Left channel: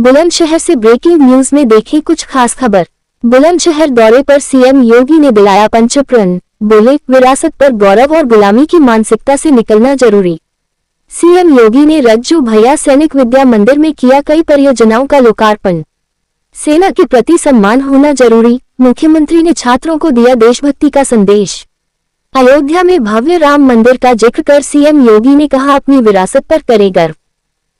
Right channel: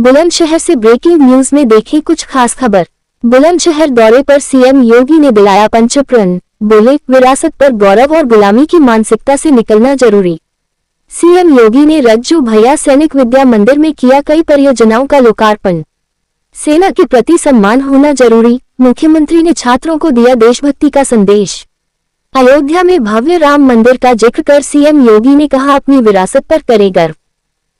बुलंदशहर से breaking news में देखी कुछ खास खबर। बुलंदशहर दौरे पर सीएम योगी ने दिलाया पंचप्रण, बोले विरासत पर गौरव और गुलामी की मानसिकता से निकलना जरूरी। सीएम योगी ने रज्जू भैया सैनिक विद्या मंदिर में किया कई परियोजनाओं का लोकार्पण। सेना के प्रति सम्मान होना जरूरी, मुख्यमंत्री ने छात्रों को दिया देशभक्ति का संदेश। अयोध्या में भव्य राम मंदिर का जिक्र कर सीएम योगी ने कहा अपनी विरासत पर करे गर्व।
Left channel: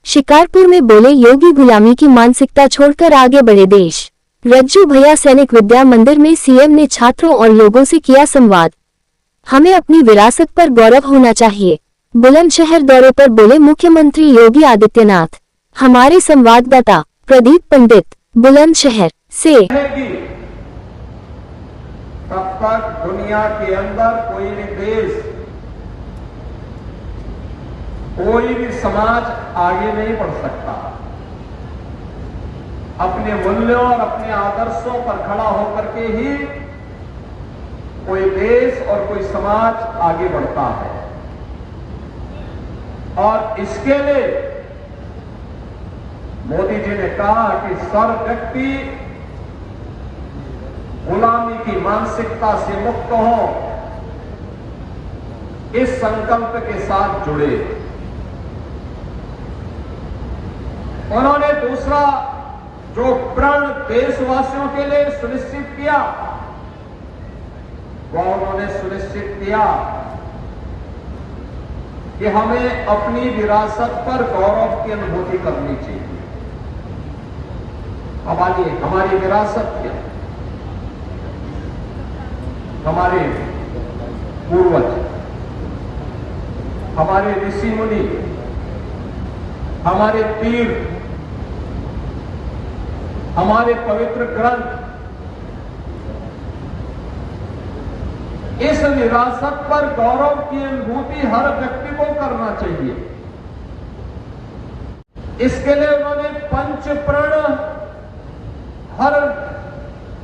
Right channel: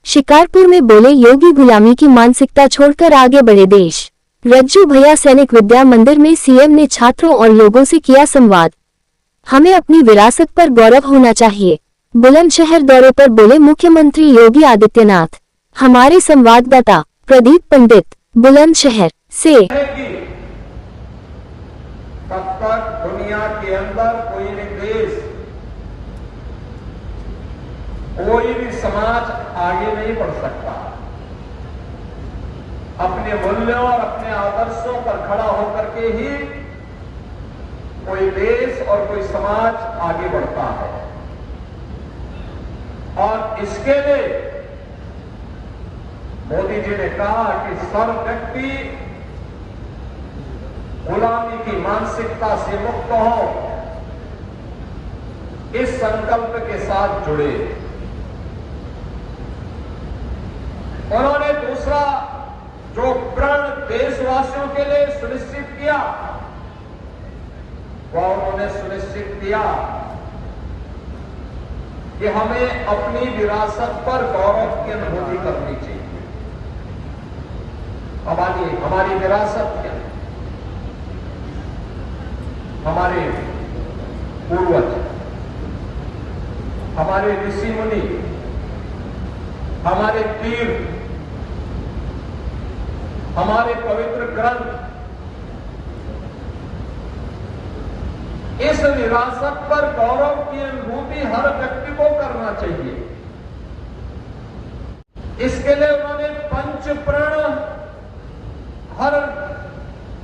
शिकारपुर में बोले योगी गुलामी की मानसिकता छोड़कर आगे बढ़े देश। रज्जू भैया सैनिक विद्या मंदिर में सीएम ने छात्रों और लोगों से किया संवाद। हमें अपनी विरासत पर गौरव होना चाहिए। बुलंदशहर दौरे पर बोले मुख्यमंत्री योगी आदित्यनाथ। हमारे संवाददाता प्रदीप पंडित बुलंदशहर से। तब तक दुनिया के अंदर कोई भी देश, कोई भी समाज आगे नहीं बढ़ सकता। अपने मूल्यों और अपने आदर्शों पर खड़ा होकर के ही कोई देश और कोई समाज आगे बढ़ता है। और इसके लिए मोदी जी ने कहा कि सर्व व्यक्ति गुलामी की मानसिकता से मुक्त हो, इस संकल्प के साथ जुड़े। उन्होंने दूसरा जो प्रण देशवासियों के लिए सुनिश्चित किया, वो उन्होंने सुनिश्चित किया कि हमें अपनी विरासत पर गौरव की अनुभूति करनी चाहिए। हमारी विरासत क्या? हमारे पूर्वज, हमारे ऋषि मुनि, हमारे तीर्थ, हमारे पवित्र ग्रंथ, इस विरासत पर गौरव की अनुभूति हर व्यक्ति को करना चाहिए। इसके लिए उन्होंने पंचप्रण हर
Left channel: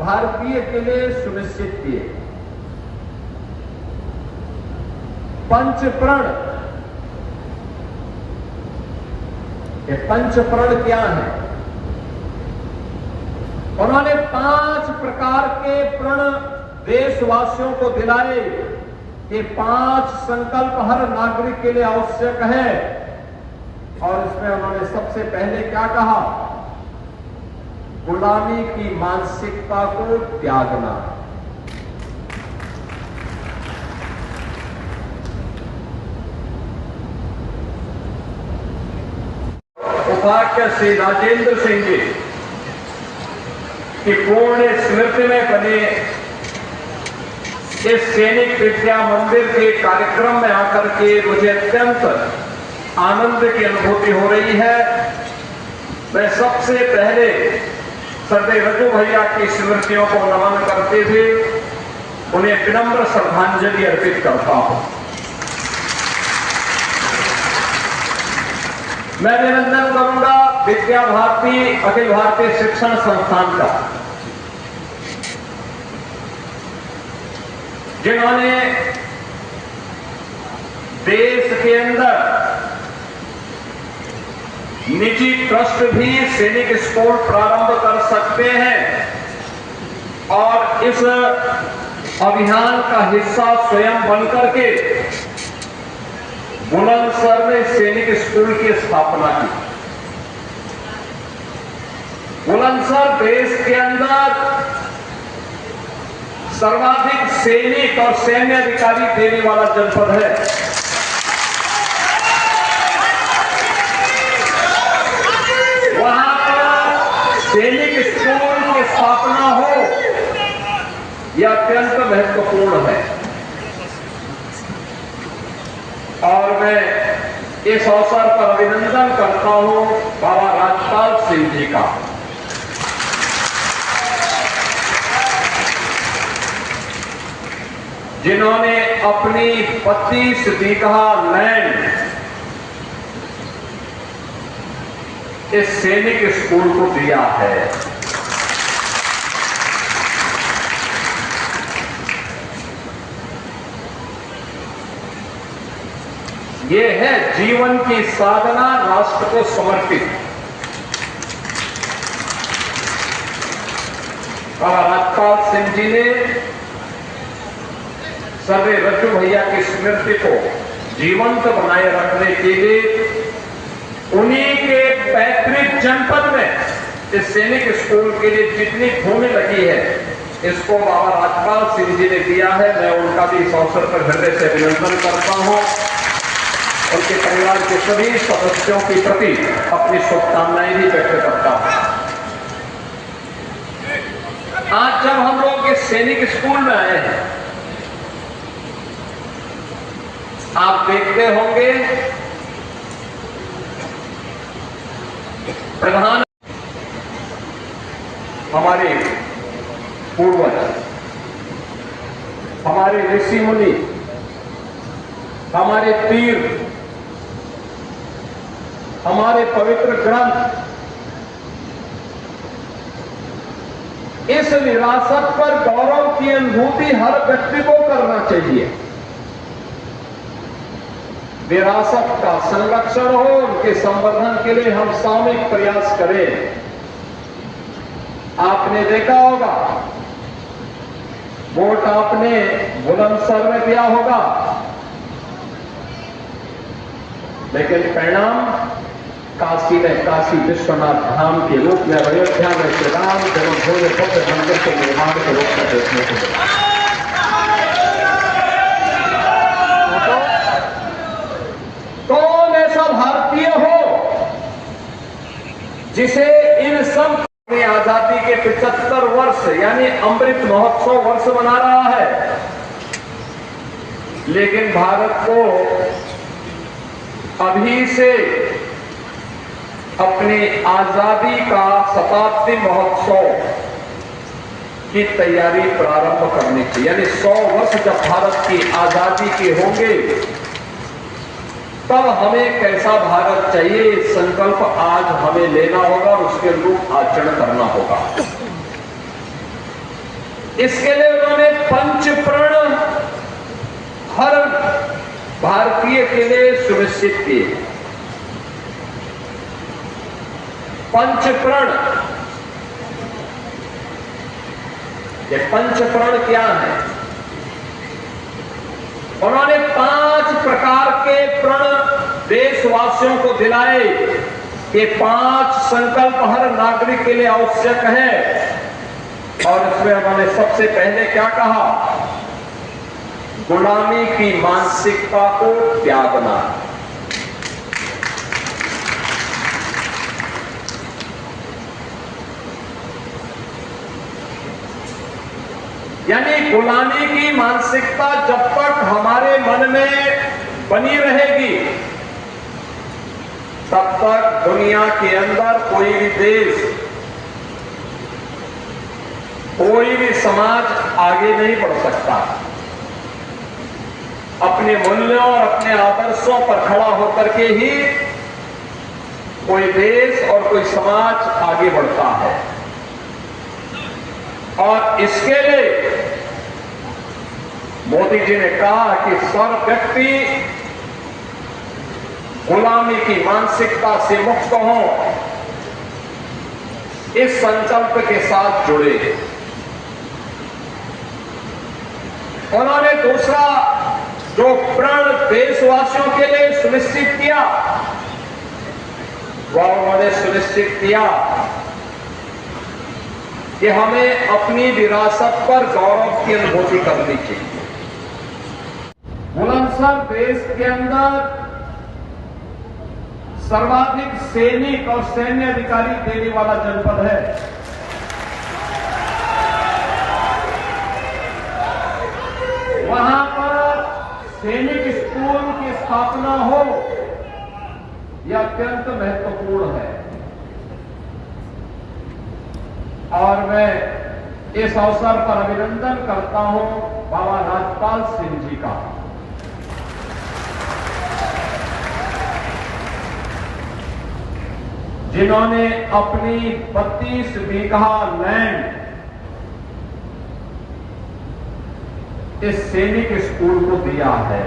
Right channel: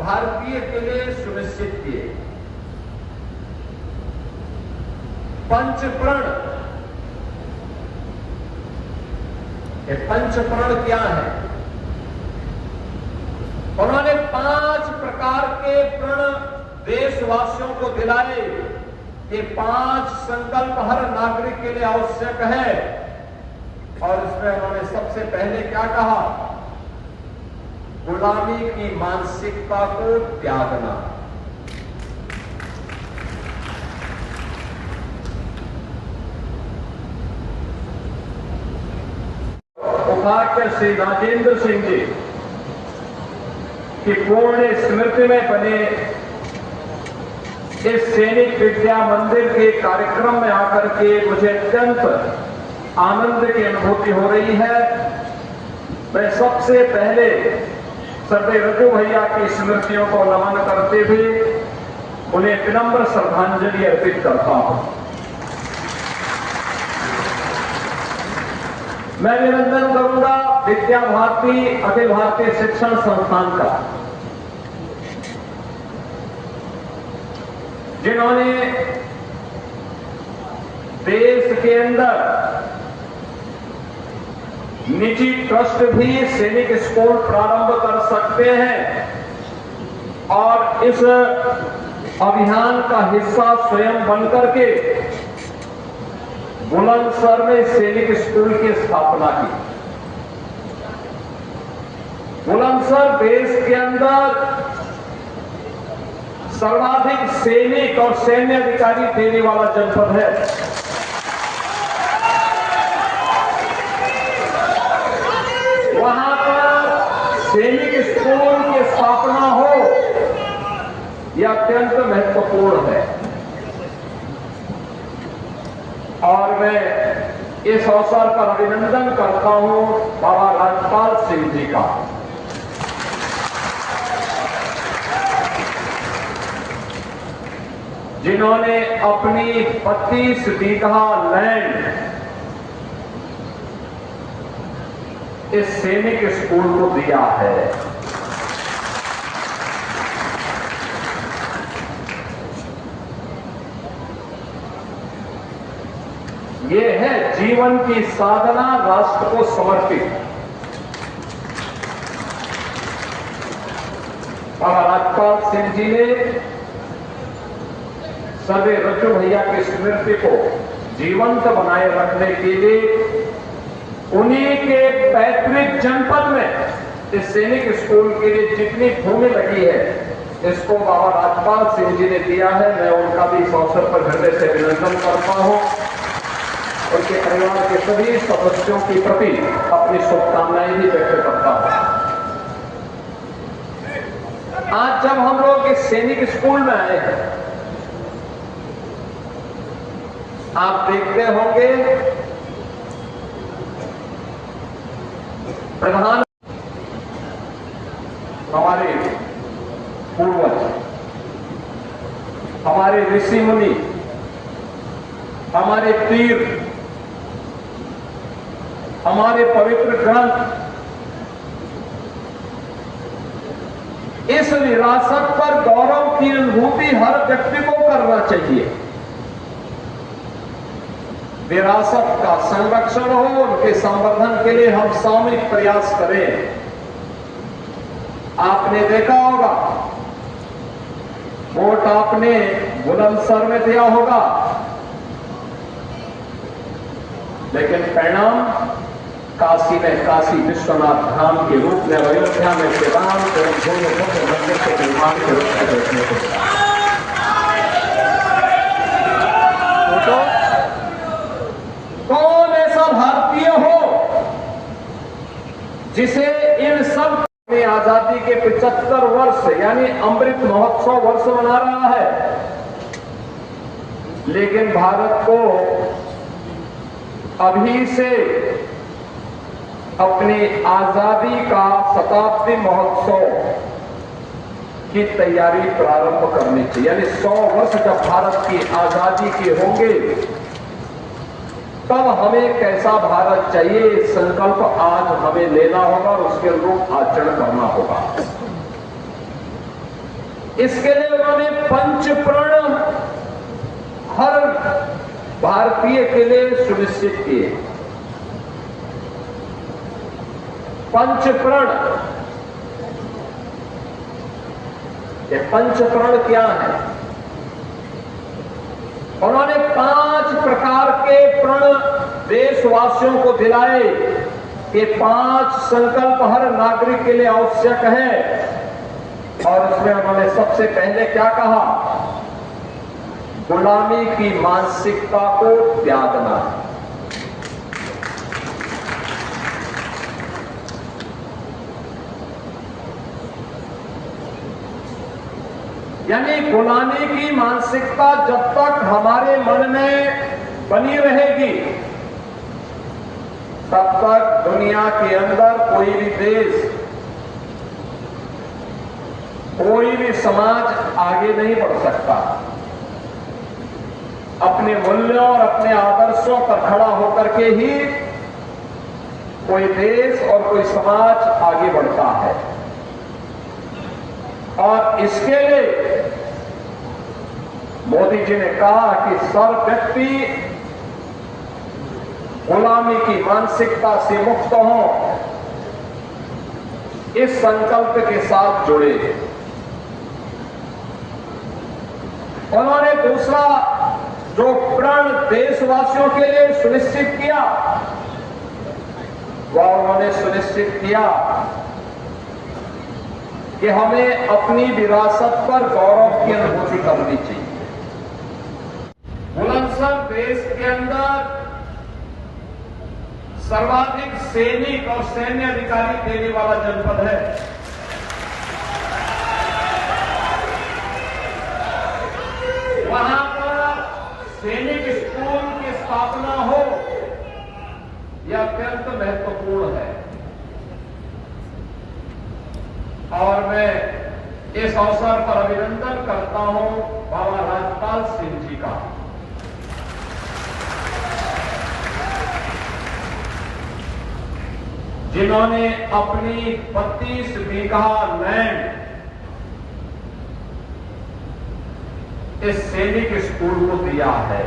भारतीय के लिए सुनिश्चित किए। पंचप्रण, ये पंचप्रण क्या है? उन्होंने 5 प्रकार के प्रण देशवासियों को दिलाए। ये 5 संकल्प हर नागरिक के लिए आवश्यक है। और इसमें उन्होंने सबसे पहले क्या कहा? गुलामी की मानसिकता को त्यागना। उपाध्याय श्री राजेंद्र सिंह जी की पूर्ण स्मृति में बने इस सैनिक विद्या मंदिर के कार्यक्रम में आकर के मुझे अत्यंत आनंद की अनुभूति हो रही है। मैं सबसे पहले सरदार रज्जू भैया की स्मृतियों को नमन करते हुए उन्हें विनम्र श्रद्धांजलि अर्पित करता हूं। मैं निवेदन करूंगा विद्या भारती अखिल भारतीय शिक्षण संस्थान का, जिन्होंने देश के अंदर निजी ट्रस्ट भी सैनिक स्कूल प्रारंभ कर सकते हैं और इस अभियान का हिस्सा स्वयं बनकर के बुलंदशहर में सैनिक स्कूल की स्थापना की। बुलंदशहर देश के अंदर सर्वाधिक सैनिक और सैन्य अधिकारी देने वाला जनपद है। वहां पर सैनिक स्कूल की स्थापना हो, यह अत्यंत महत्वपूर्ण है। और मैं इस अवसर पर अभिनंदन करता हूं बाबा राजपाल सिंह जी का। जिन्होंने अपनी 25 बीघा लैंड इस सैनिक स्कूल को दिया है। ये है जीवन की साधना राष्ट्र को समर्पित। बाबा राजपाल सिंह जी ने सर्वे रज्जू भैया की स्मृति को जीवंत बनाए रखने के लिए उन्हीं के पैतृक जनपद में इस सैनिक स्कूल के लिए जितनी भूमि लगी है इसको बाबा राजपाल सिंह जी ने दिया है। मैं उनका भी इस अवसर पर हृदय से अभिनंदन करता हूं। उनके परिवार के सभी सदस्यों के प्रति अपनी शुभकामनाएं भी व्यक्त करता हूं। आज जब हम लोग इस सैनिक स्कूल में आए हैं, आप देखते होंगे प्रधान हमारे पूर्वज, हमारे ऋषि मुनि, हमारे तीर, हमारे पवित्र ग्रंथ, इस विरासत पर गौरव की अनुभूति हर व्यक्ति को करना चाहिए। विरासत का संरक्षण हो, उनके संवर्धन के लिए हम सामूहिक प्रयास करें। आपने देखा होगा वोट आपने बुलंदशहर में दिया होगा, लेकिन परिणाम काशी में काशी विश्वनाथ धाम के रूप में अयोध्या में श्री राम जन्मभूमि मंदिर के निर्माण के रूप में देखने को मिला। कौन ऐसा भारतीय हो जिसे इन सब आजादी के 75 वर्ष यानी अमृत महोत्सव वर्ष मना रहा है, लेकिन भारत को अभी से अपनी आजादी का शताब्दी महोत्सव की तैयारी प्रारंभ करनी चाहिए। यानी 100 वर्ष जब भारत की आजादी के होंगे तब हमें कैसा भारत चाहिए, संकल्प आज हमें लेना होगा और उसके अनुरूप आचरण करना होगा। इसके लिए उन्होंने पंचप्रण हर भारतीय के लिए सुनिश्चित किए। पंचप्रण, ये पंचप्रण क्या है? उन्होंने 5 प्रकार के प्रण देशवासियों को दिलाए। ये 5 संकल्प हर नागरिक के लिए आवश्यक है। और इसमें उन्होंने सबसे पहले क्या कहा? गुलामी की मानसिकता को त्यागना। यानी गुलामी की मानसिकता जब तक हमारे मन में बनी रहेगी तब तक दुनिया के अंदर कोई भी देश, कोई भी समाज आगे नहीं बढ़ सकता। अपने मूल्यों और अपने आदर्शों पर खड़ा होकर के ही कोई देश और कोई समाज आगे बढ़ता है। और इसके लिए मोदी जी ने कहा कि सब व्यक्ति गुलामी की मानसिकता से मुक्त हों, इस संकल्प के साथ जुड़े। उन्होंने दूसरा जो प्रण देशवासियों के लिए सुनिश्चित किया, वह उन्होंने सुनिश्चित किया कि हमें अपनी विरासत पर गौरव की अनुभूति करनी चाहिए। बुलंदशहर देश के अंदर सर्वाधिक सैनिक और सैन्य अधिकारी देने वाला जनपद है। वहां पर सैनिक स्कूल की स्थापना हो, यह अत्यंत महत्वपूर्ण है। और मैं इस अवसर पर अभिनंदन करता हूं बाबा राजपाल सिंह जी का। जिन्होंने अपनी 32 बीघा लैंड इस सैनिक स्कूल को दिया है।